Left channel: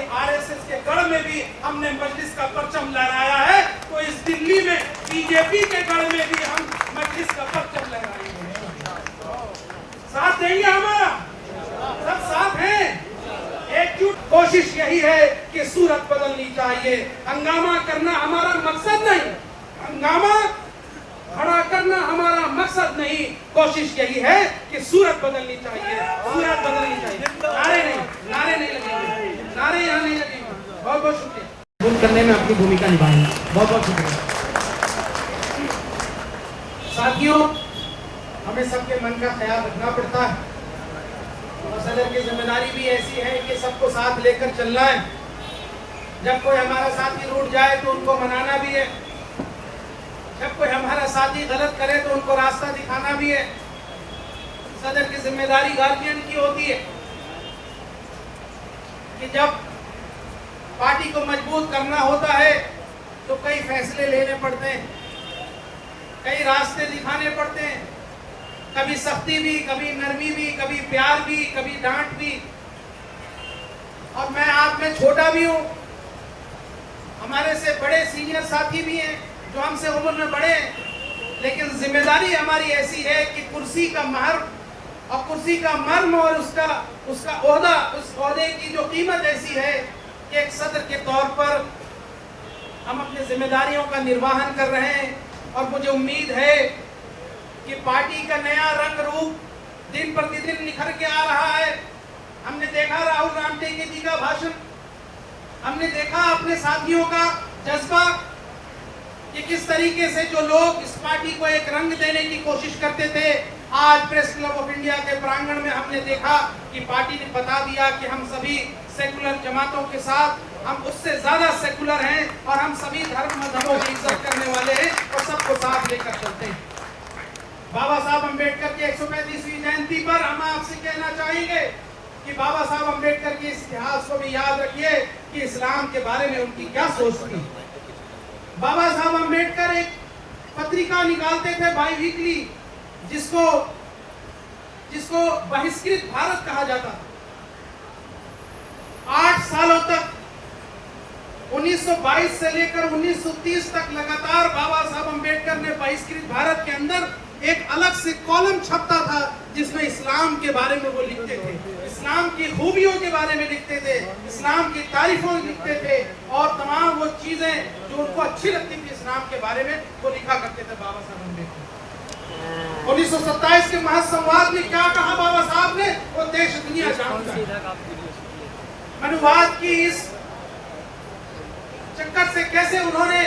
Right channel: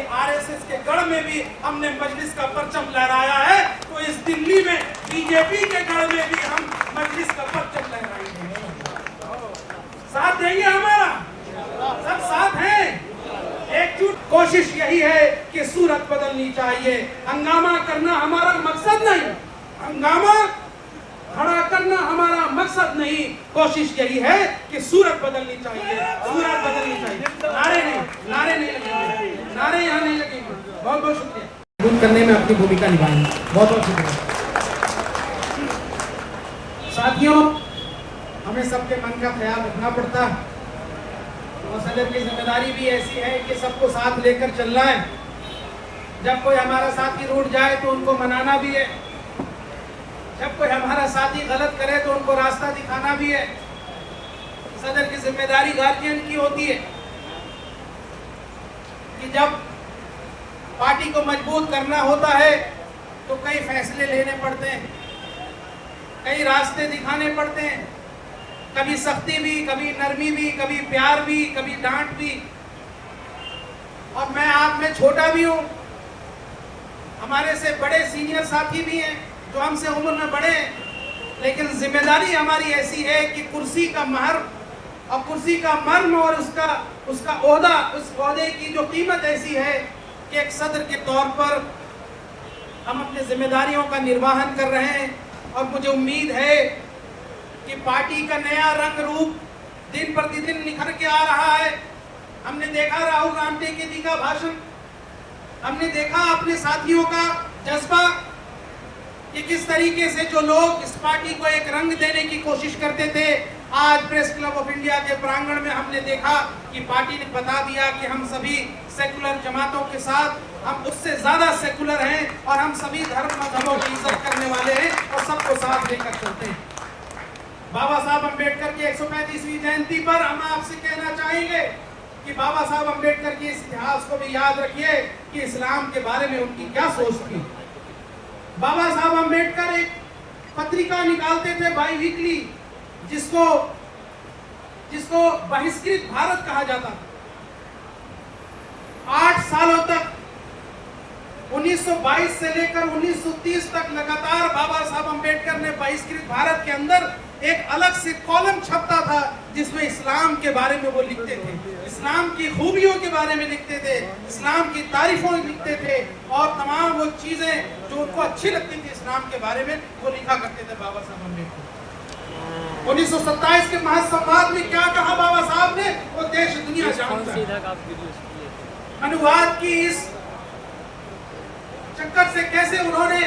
कि आरएसएस के गढ़ में भी हमने मजलिस का परचम लहराया है, तो इस दिल्ली में बीजेपी के गढ़ में भी हम मजलिस का परचम लहराएंगे। साथ देंगे हमारा, सब साथ हैं। एकजुट कोशिश यही है कि सूरत बदलनी चाहिए। हंगामा करना हमारा मकसद नहीं, हंगामा खड़ा करना हमारा मकसद नहीं। कोशिश यही है कि सूरत बदलनी चाहिए, सूरत बदलनी चाहिए। नारे नहीं लगेंगे, नारे यहाँ नहीं लगेंगे। बहुत बहुत शुक्रिया। दूर करने में अपनी भूमिका निभाएंगे। बहुत बहुत शुक्रिया। साथियों, हमें सबके मन का ख्याल रखना पड़ता है और सदर की जिम्मेदारी भी ऐसी है कि सबको साथ लेकर चलना है। जब कोई हमारा साथी रूठ जाए तो उनको मनाना भी है, जब कोई हमारा साथी गलत करे तो उनको रास्ता दिखाना भी है। सदर की जिम्मेदारी गार्जियन की होती है कि जब पार्टी को मजबूत करना होता है तो कई फैसले लेने पड़ते हैं, कई रास्ते दिखाने पड़ते हैं, कभी सख्ती भी, कभी नरमी भी, कभी प्यार भी, कभी डांट भी। और मैं आप में छोटा भी हूं, हमारे से बड़े सीनियर साथी भी हैं जो हमसे उम्र में बड़े हैं, लेकिन जिम्मेदारी हमारी ऐसी है कि कुर्सी का महर और कुर्सी का मर्म और उसका ओहदा, उस ओहदे की जो कीमत ऐसी है कि एक सदर के तौर पर हम अपनी जिम्मेदारियों का निर्वहन कर रहे हैं। और मुझे उम्मीद है कि पार्टी का नया रंग रूप दिन प्रतिदिन निखर के आ रहा है। हमने देखा राहुल रामटेके जी का भाषण, हमने देखा अपने साथियों का जज्बा कि किस तरीके से जो लोग इस पार्टी को एक रंग देने की कोशिश करते थे, आज प्रेस क्लब ऑफ इंडिया के प्रांगण में हमने देखा कि पार्टी ने बता दिया कि हम सभी सेकुलर जमातों के साथ, हम उससे ज्यादा सेकुलर हैं और हम सभी धर्म मजहबों की इज्जत करने वाले हैं और सबको साथ लेकर चलते हैं। बाबा साहब अम्बेडकर की 135वीं जयंती पर हम आपसे कहना चाहेंगे कि बाबा साहब अम्बेडकर के इस इतिहास को भी याद रखिए कि इस्लाम के बारे में उनकी क्या सोच थी। बाबा साहब अम्बेडकर एक पत्रिका निकालते थे बाई वीकली, जिसको बहिष्कृत भारत कहा जाता था। 8 सालों तक 1922 से लेकर 1930 तक लगातार बाबा साहब अम्बेडकर ने बहिष्कृत भारत के अंदर एक अलग से कॉलम छपता था जिसमें इस्लाम के बारे में वो लिखते थे, इस्लाम की खूबियों के बारे में लिखते थे, इस्लाम की तारीफों लिखते थे और तमाम वो चीजें जो उनको अच्छी लगती थी इस्लाम के बारे में वो लिखा करते थे बाबा साहब अम्बेडकर। 1927 के महासंवाद में क्या कहा बाबा साहब ने, वो देश दुनिया जानता है। मनुवाद की इस चक्कर से कैसे उन्होंने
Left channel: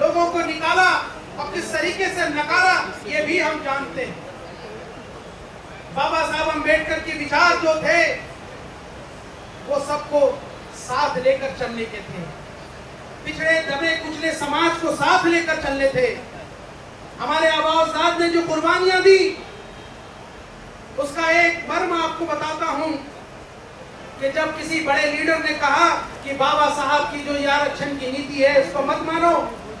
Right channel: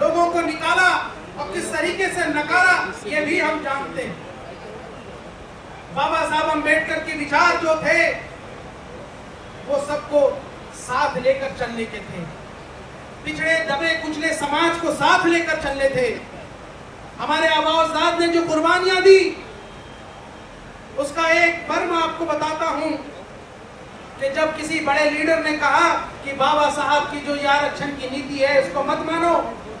लोगों को निकाला और किस तरीके से नकारा, ये भी हम जानते हैं। बाबा साहब अम्बेडकर के विचार जो थे वो सबको साथ लेकर चलने के थे, पिछड़े दबे कुचले समाज को साथ लेकर चलने थे। हमारे आबाउजाद ने जो कुर्बानियां दी उसका एक मर्म आपको बताता हूं कि जब किसी बड़े लीडर ने कहा कि बाबा साहब की जो ये आरक्षण की नीति है इसको मत मानो,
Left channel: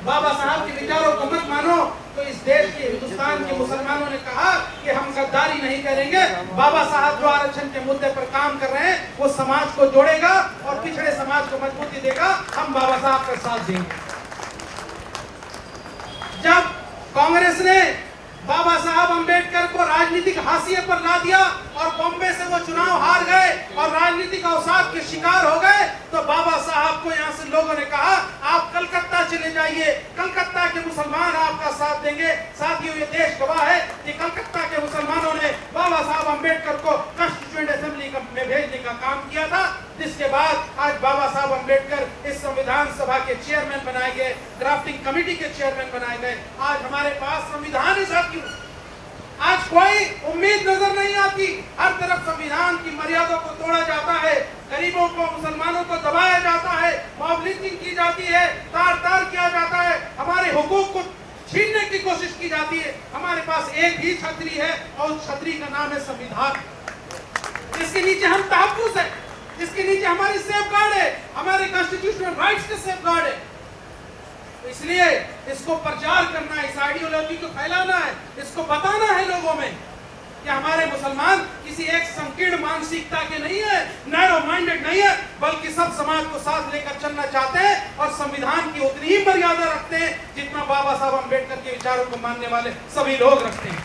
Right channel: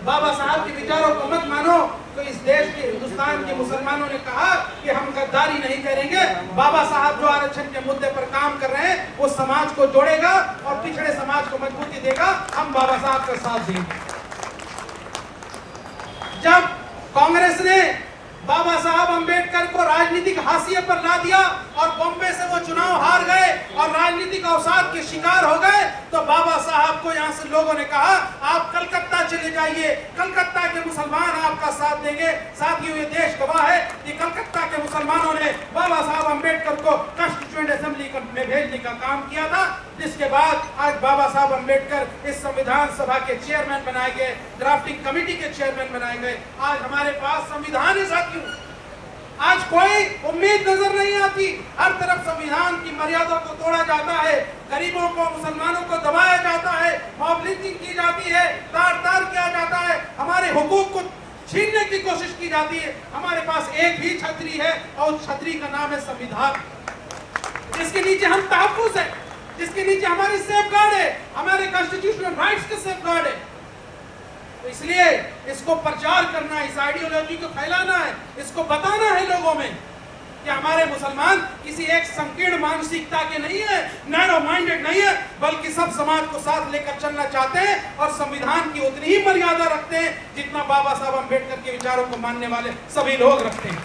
बाबा साहब के विचारों को मत मानो, तो इस देश के हिंदुस्तान के मुसलमानों ने कहा कि हम गद्दारी नहीं करेंगे। बाबा साहब जो आरक्षण के मुद्दे पर काम कर रहे हैं वो समाज को जोड़ेगा और पिछड़े समाज को मजबूती देगा, हम बाबा साहब का साथ देंगे। जब कांग्रेस ने बाबा साहब अम्बेडकर को राजनीतिक हाशिए पर ला दिया और बॉम्बे से वो चुनाव हार गए और राजनीतिक अवसाद के शिकार हो गए, तो बाबा साहब को यहाँ से लोगों ने कहा आप कलकत्ता चले जाइए, कलकत्ता के मुसलमान आपका साथ देंगे। साथियों, ये देश गवाह है कि कलकत्ता के मुसलमानों ने बाबा साहब अम्बेडकर को कॉन्स्टिट्यूएंट असेंबली में भेजने का काम किया था, जिसके बाद आज बाबा साहब अम्बेडकर इस संविधान सभा के चेयरमैन बनाए गए, ड्राफ्टिंग कमेटी के चेयरमैन बनाए गए। आज हमारे पास संविधान है साथियों, आज कोई उम्मीद नजर नहीं आती, हर तरफ संविधान की मर्यादा को तोड़ा जाता है, गरीबों को, मुसलमानों को दबाया जाता है, मॉब लिंचिंग की जाती है, तार किया जाता है, हमारे हुकूक को छीनने की कोशिश की जाती है। हमारे पास एक ही छतरी है और छतरी का नाम है संविधान, जिसके नीचे हम तहफ्फुज़ है, जिसके नीचे हमारे सेफगार्ड है, हमारे कॉन्स्टिट्यूशनल राइट्स के सेफगार्ड है। तो इसलिए इसको प्रचार करना, इस आइडियोलॉजी को फैलाना है, इसको बताना है लोगों में कि हमारे मुसलमान किसी एक संकीर्ण मानसिकता के नहीं है, नैरो माइंडेड नहीं है, बल्कि सब समाज को संविधान की उतनी ही मर्यादा रखते हैं जितना बाबा साहब अम्बेडकर के विचारों को मानने वाले सभी लोग रखते हैं।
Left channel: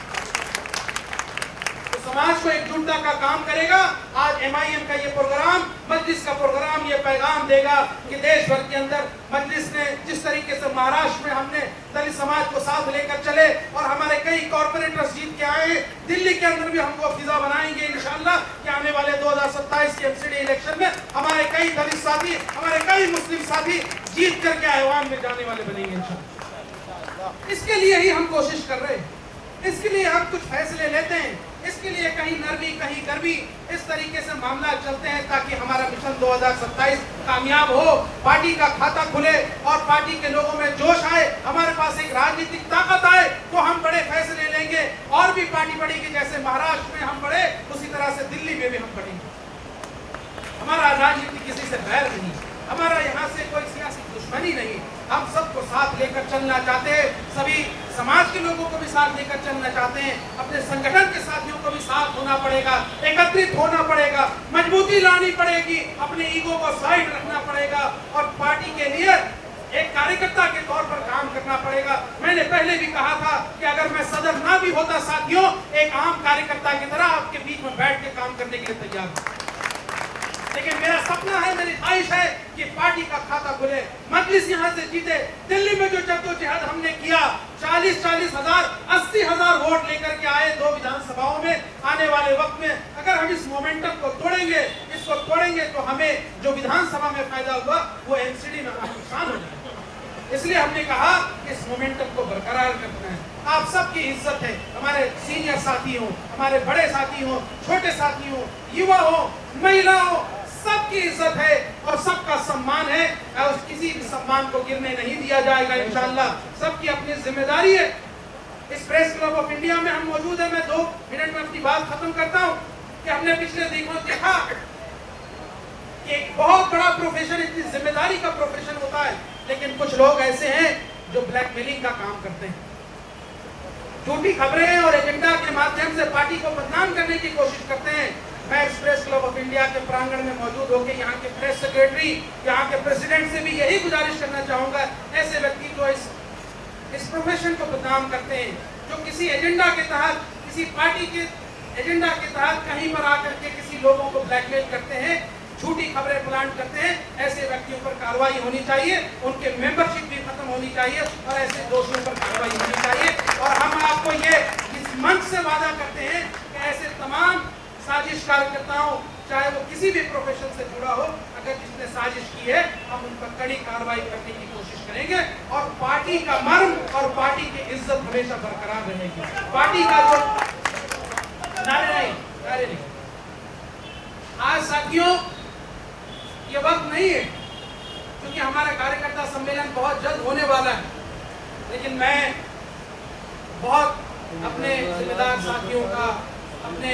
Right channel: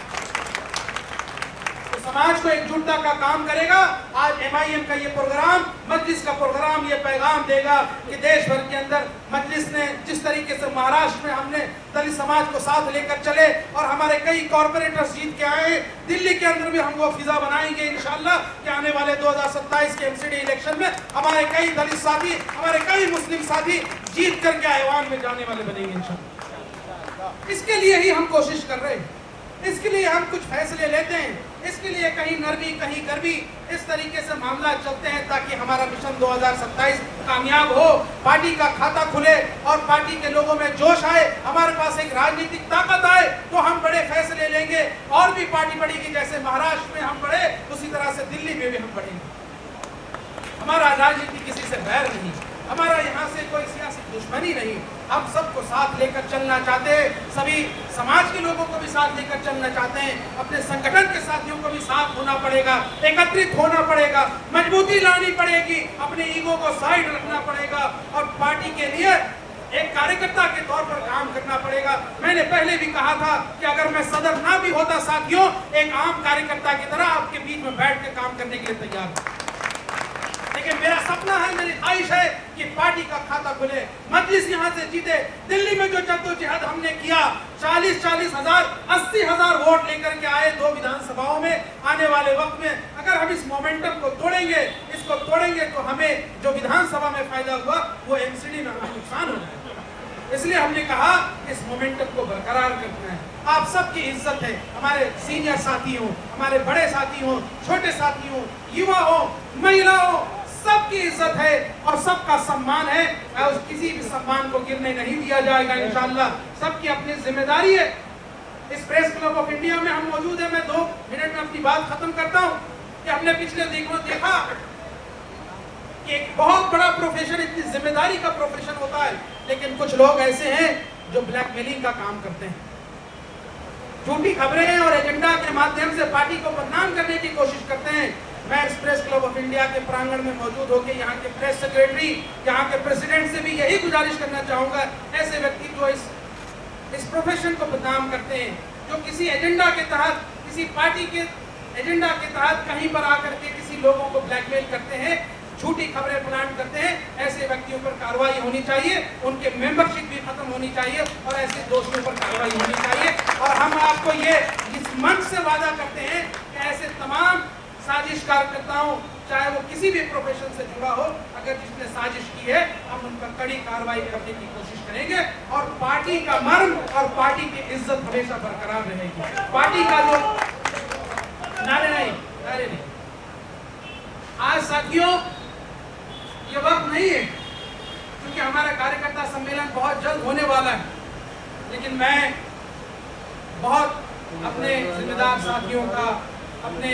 तो समाज को एकजुटता का काम करेगा। आज MIM का ये प्रोग्राम, मजलिस का प्रोग्राम, ये पैगाम देगा कि देश भर के अंदर मजलिस ने जिस तरीके से महाराष्ट्र में हमने दलित समाज को साथ लेकर चले और हमारे कई कॉर्पोरेटर्स जीत के आए, दिल्ली के अंदर भी हम वो फिजा बनाएंगे इंशाअल्लाह कि आने वाले 2027 के MCD इलेक्शन में हमारे कई दलित साथी, हमारे कई मुस्लिम साथी जीत करके ऐवान में जाने वाले बनेंगे इंशाअल्लाह। इसके लिए ही हम कोशिश कर रहे हैं, इसके लिए हम कुछ फैसले लेते हैं, इसके लिए कहीं नरमी कहीं गर्मी इस तरीके से मामला चलते हैं ताकि हमारा मिशन 2027 कामयाब हो, पार्टी का खाता खुले और पार्टी के लोगों में जोश आए, हमारे पास एक राजनीतिक ताकत आए, तो हम बड़े फैसले लेंगे और भी पार्टी बढ़ेगी। जैसे महाराष्ट्र में हम बढ़े उसी तरह से दिल्ली में भी हम बढ़ेंगे। हमारा राजनीति किसी से बैर नहीं, हमारा यहाँ से कोई सियासी दुश्मनी नहीं, हम सबको साथ लेकर चलना चाहते हैं, सभी समाज के लोगों को भी साथ लेकर चलना चाहते हैं, अपने संगठन के साथियों को भी साथ होना पड़ेगा, एकत्रित होना पड़ेगा, मजबूती लानी पड़ेगी, अपने ईगो को साइड रखना पड़ेगा और पार्टी के लिए एक कार्यकर्ता के तौर पर काम करना पड़ेगा। मैंने पहले भी कहा था कि अगर मैं सदर ना भी होता साथियों, एक आम कार्यकर्ता की तरह आपके बीच में बैठ के काम करने के लिए तैयार हूं। लेकिन मेरा सपना है, मेरी ख्वाहिश है कि पार्टी का खाता खुले, मजलिस यहाँ से जीते। दिल्ली में जो जद्दोजहद हमने किया, 40-40 हजार 80 हजार वोट लेकर के आए 2 विधानसभाओं में, आने वाले वक्त में अगर हम इस मोमेंटम को तोड़ेंगे, इसको तोड़ेंगे तो हमें जो विधानसभा में फायदा हुआ वो MCD में नुकसान हो जाएगा। इसलिए हमने कहा कि इस मोमेंटम को बरकरार करना है। आप सबकी इज्जत है, हमारे सीनियर साथी हो, हमारे बड़े साथी हो, छोटे साथी हो, युवा हो, महिला हो, सबकी इज्जत है और सबका सम्मान है और किसी भी सम्मान को गिरने नहीं दिया जाएगा इंशाअल्लाह। सबकी अपनी जिम्मेदारी है। इस प्रेस क्लब ऑफ इंडिया में हम मौजूद हैं। मैं 2 मिनट में अपनी बात खत्म करता हूं कि हमने पिछले दिनों देखा कि एक बहुत बड़ा प्रोफेशन, इतनी जिम्मेदारी का प्रोफेशन होता है, लेकिन कुछ लोग ऐसे हैं जो ब्लैकमेलिंग का काम करते हैं, झूठी खबरें और एजेंडा के माध्यम से पार्टी को बदनाम करने की कोशिश करते हैं। मैं इस प्रेस क्लब ऑफ इंडिया के प्रांगण में मौजूद होकर यहाँ के प्रेस सेक्रेटरी, यहाँ के प्रेसिडेंट से भी यही गुजारिश करना चाहूंगा, ऐसे व्यक्ति जो इस प्रोफेशन को बदनाम करते हैं, जो किसी एजेंडा के तहत, किसी पार्टी के एजेंडा के तहत कहीं पर आकर के किसी लोगों को ब्लैकमेल करते हैं, झूठी खबरें प्लांट करते हैं, ऐसे व्यक्तियों पर कार्रवाई होनी चाहिए, उनके मेंबरशिप भी खत्म होनी चाहिए और ऐसे दोषियों पर कार्रवाई होनी चाहिए। और हम आपको ये इस मंच से वादा करते हैं कि ऐसे तमाम साजिश कार्यकर्ताओं, चाहे वो किसी भी प्रोफेशन से जुड़ा हो, अगर जिसने साजिश की है, हम उन पर कड़ी कार्रवाई करने की कोशिश करेंगे और पार्टी का मर्म और पार्टी की इज्जत हमेशा बरकरार रहेगी। पार्टी का जो नारे नहीं। आज साथियों ये वक्त नहीं है, क्योंकि हमारा कार्यकर्ता सम्मेलन बहुत जल्द होने वाला है, लेकिन मैं बहुत अपने जिम्मेदार साथियों का, अपने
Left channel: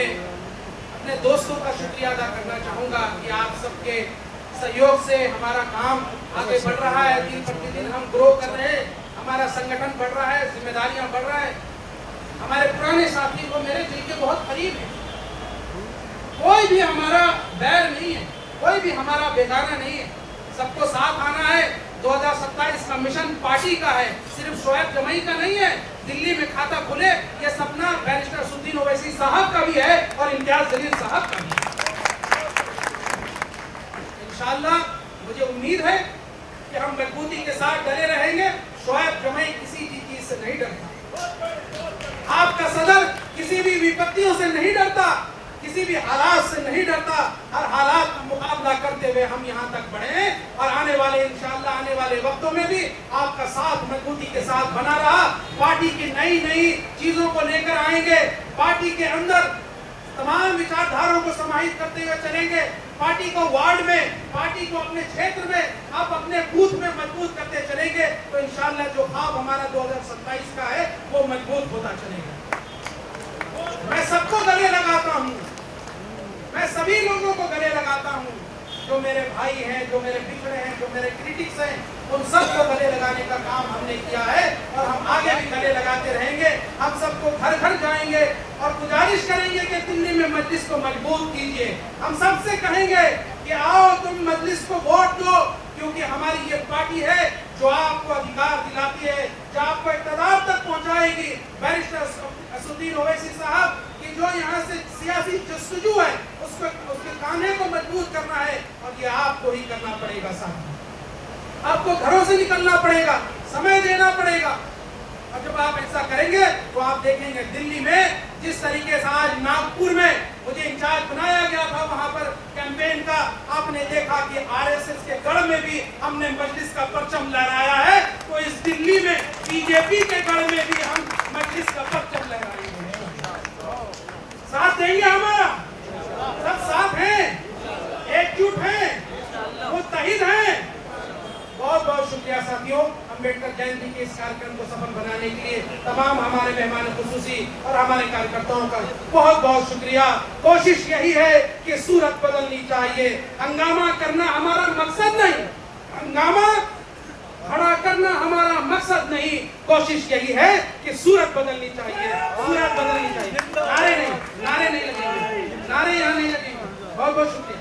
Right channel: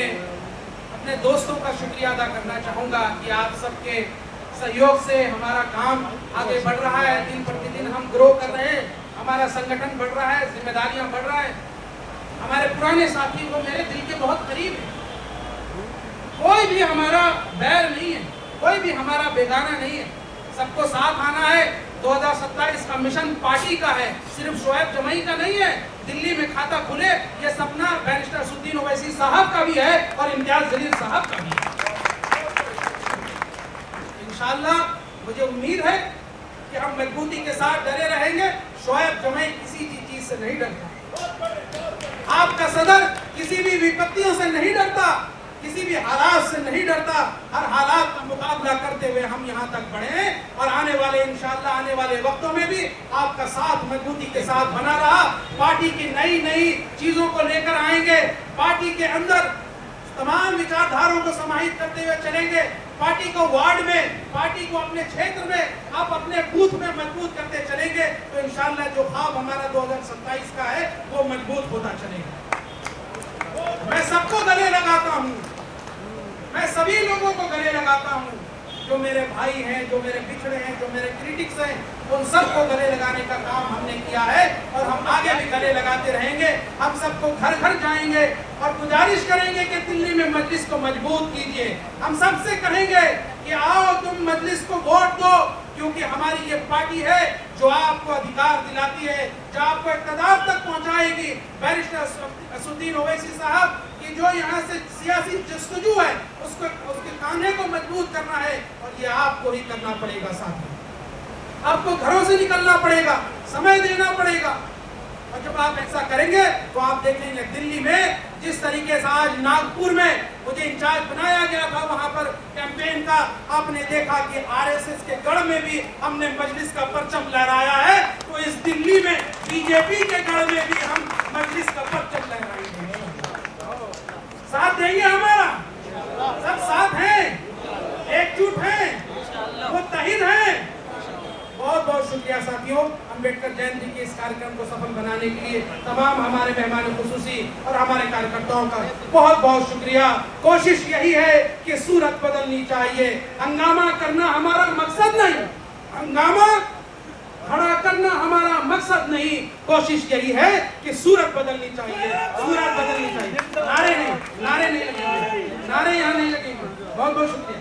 दोस्तों का शुक्रिया अदा करना चाहूँगा कि आप सबके सहयोग से हमारा काम आगे बढ़ रहा है, दिन प्रतिदिन हम ग्रो कर रहे हैं, हमारा संगठन बढ़ रहा है, जिम्मेदारियां बढ़ रहा है। हमारे पुराने साथी वो मेरे दिल के बहुत करीब है, कोई भी हमारा बैर नहीं है, कोई भी हमारा बेगाना नहीं है, सबको साथ आना है। 2027 का मिशन पार्टी का है, सिर्फ शोएब जमई का नहीं है। दिल्ली में खाता खुले ये सपना बैरिस्टर सुद्दीन ओवैसी साहब का भी है और इम्तियाज जलील साहब का भी है। इंशाअल्लाह मुझे उम्मीद है कि हम मजबूती के साथ डरे रहेंगे। शोएब जमई किसी चीज से नहीं डरता, आपका सदर किसी भी विपत्तियों से नहीं डरता, किसी भी हालात से नहीं डरता। हर हालात का मुकाबला करते हुए हम यहाँ तक बढ़े और आने वाले इंशाअल्लाह आने वाले वक्तों में भी आपका साथ मजबूती के साथ बना रहा। पार्टी की नई चीजों को लेकर आएंगे, पार्टी के अंदर तमाम विचारधाराओं को समाहित करते हुए चलेंगे। पार्टी को वार्ड में, पार्टी को अपने क्षेत्र में, आप अपने बूथ में मजबूत करते चलेंगे तो इंशाअल्लाह जो ख्वाब हमारा 2027 का है वो मजबूत होता चलेगा। मैं सबको गले लगाता हूँ, मैं सभी लोगों को गले लगाता हूँ, जो मेरे भाई हैं, जो मेरे पिछड़े हैं, जो मेरे क्रिटिक्स हैं, उन सबको गले लगाने का काम हमने किया है और हम आगे भी गले लगाते रहेंगे। हम सबको घर घर जाएंगे और गुजारिश करेंगे कि दिल्ली में मजलिस को मजबूत कीजिए। हम सबसे कहेंगे कि आओ तुम मजलिस को वोट दो, क्योंकि हमारी ये पार्टी है जो आपको अधिकार दिलाती है, जो आपको इक़्तिदार तक पहुंचाएगी। बैरिस्टर असदुद्दीन ओवैसी साहब कि जो यहाँ से सियासी जस्तजू है उसको, उसके खाने को मजबूत करना है और ये आपको ही करना पड़ेगा। साथ आपको घरों से निकलना पड़ेगा, समय देना पड़ेगा। और जब आप ऐसा करेंगे तो आप देखेंगे दिल्ली में जिस तरीके से आज नागपुर में मुझे इंचार्ज बनाया गया था वहां पर कैंपेन का, आपने देखा कि आरएसएस के गढ़ में भी हमने मजलिस का परचम लहराया है, तो इस दिल्ली में बीजेपी के गढ़ में भी हम मजलिस का परचम लहराएंगे। साथ देंगे हमारा, सब साथ हैं, एकजुट हैं, मुत्तहिद हैं। बहुत बहुत शुक्रिया साथियों, अम्बेडकर जयंती के इस कार्यक्रम को सफल बनाने के लिए तमाम हमारे मेहमान खुसूसी और हमारे कार्यकर्ताओं का बहुत बहुत शुक्रिया। कोशिश यही है कि सूरत बदलनी चाहिए, हंगामा करना हमारा मकसद नहीं, हंगामा खड़ा करना हमारा मकसद नहीं, कोशिश यही है कि सूरत बदलनी चाहिए, सूरत बदलनी चाहिए। नारे नहीं लगेंगे, नारे यहाँ नहीं लगेंगे। बहुत बहुत शुक्रिया।